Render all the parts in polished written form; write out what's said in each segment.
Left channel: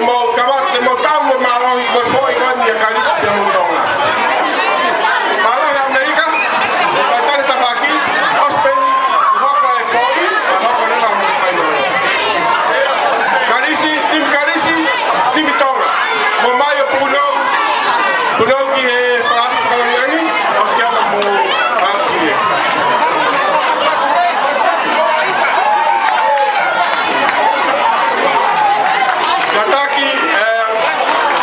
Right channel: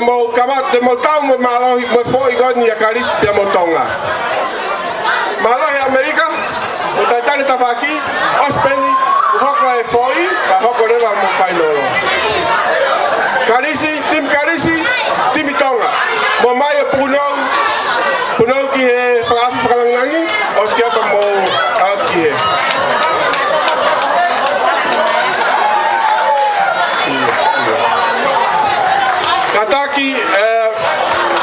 mo tau mo malo mo foi con ya caris te mo tonga. Malo ya America, mo tatari tabaki, ospeni, uhakla e foi, ba hokore la mo fai no. Carisi, tim tonga. Mo mai puno ki e frangangi, oskata mo aki. Mataki,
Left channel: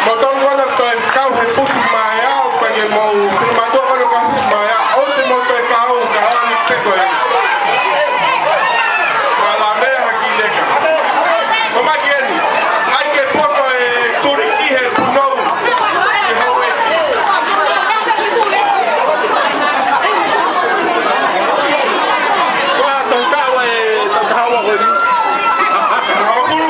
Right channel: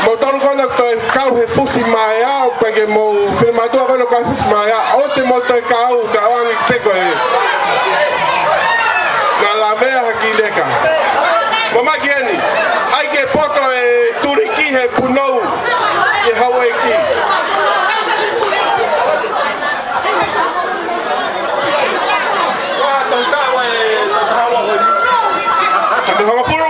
motor kono kau he fusi maya o pege mo filmador kono kau fusi maya o te motor kau kawangi peko e. Na la mea haki neka. Mama kieni, ai ke poto e turiki he punou e hawe ki. Wa toka we hawa honi. Hawa puru.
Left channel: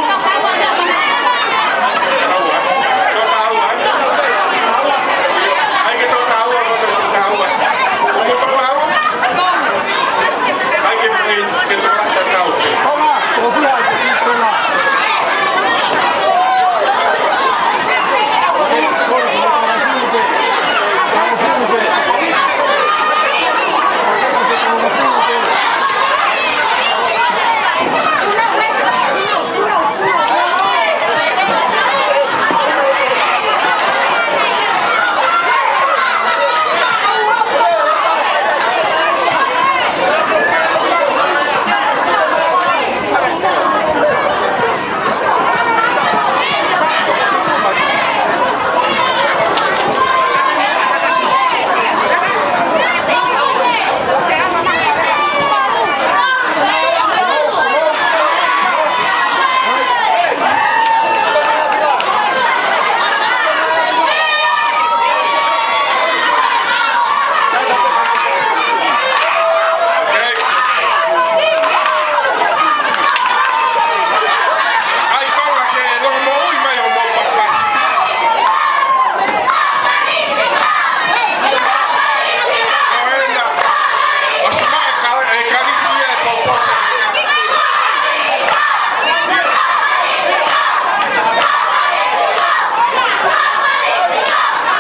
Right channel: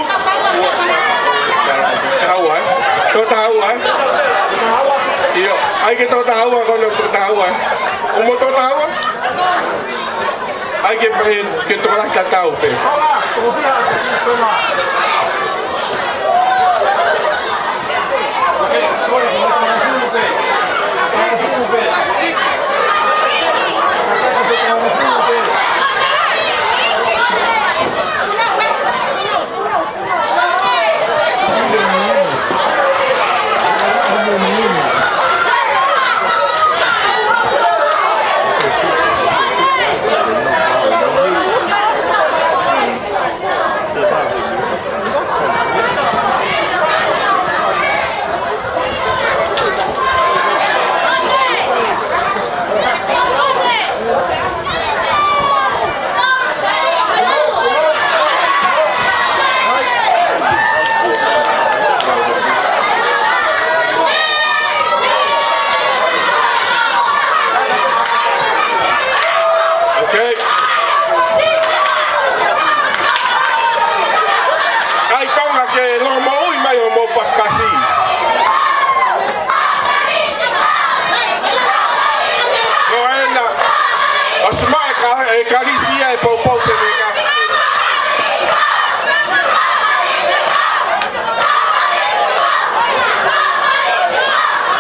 Hay que tocar agua cuando toca agua. ¿Cómo toca agua? Hay que tocar hasta acá usted. Toma, confía, toma. Caricia e popo te vega.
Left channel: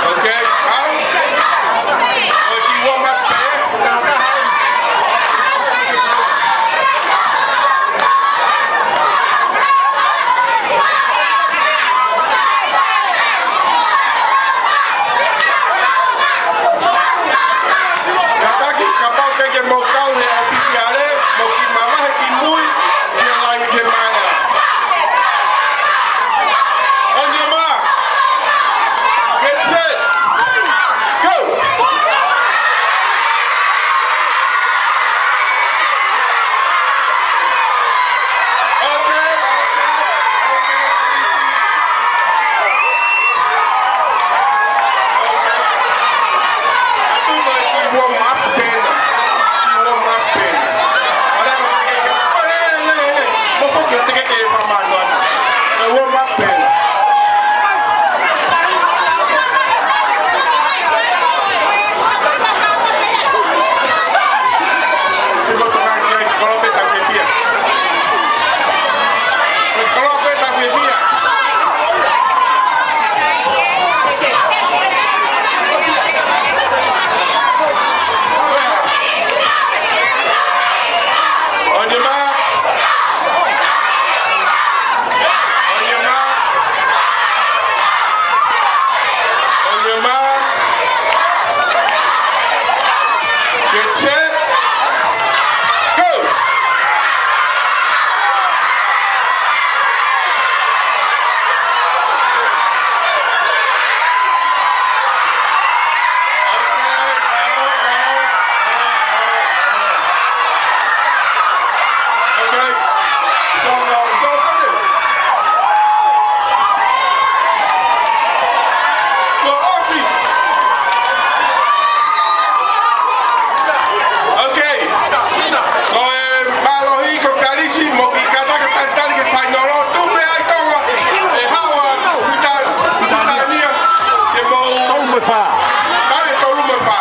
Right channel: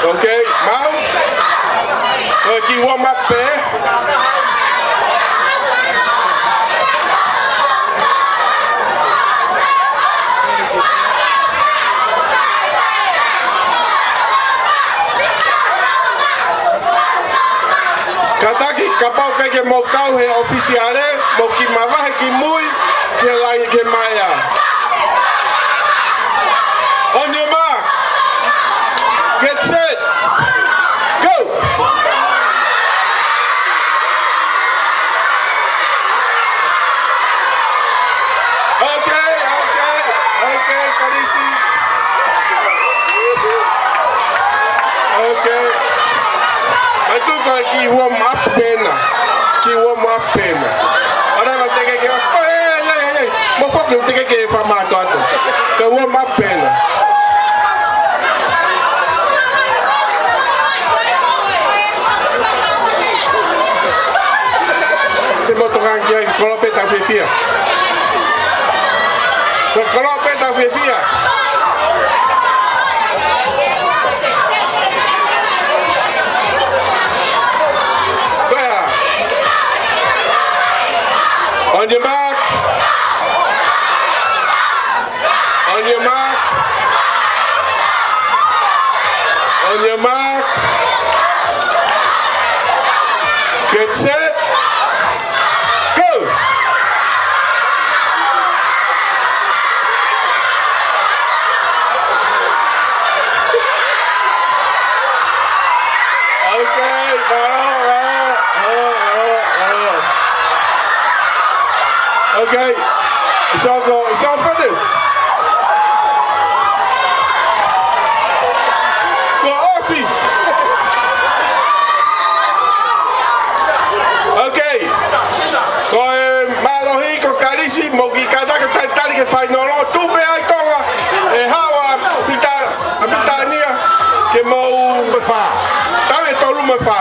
Okay, man. Ki warm up there. Kataki kapau ke mo kau he oficiale mo ki mava ki mui ke lai ke maya. On your mark. Get set. Go. Okay, Carisi. Okay. Itu bagi warm up pena. Ki warm up pena. Ada nak tengok dia. Mau fokus tengok ke format tu. Ke warm up pena. Cuma orang dia kalau peta fia. Kalau peta fia. On your mark. On your mark. On your mark. Get set. Go. Okay, it's all finished. Go Aussie. Okay. Con Malohi, con Carisi, Mogicada, que cantar que fai no, tú me hay toga, hawa, pitania, que mo. Tú me fa. Dale, tú me fa.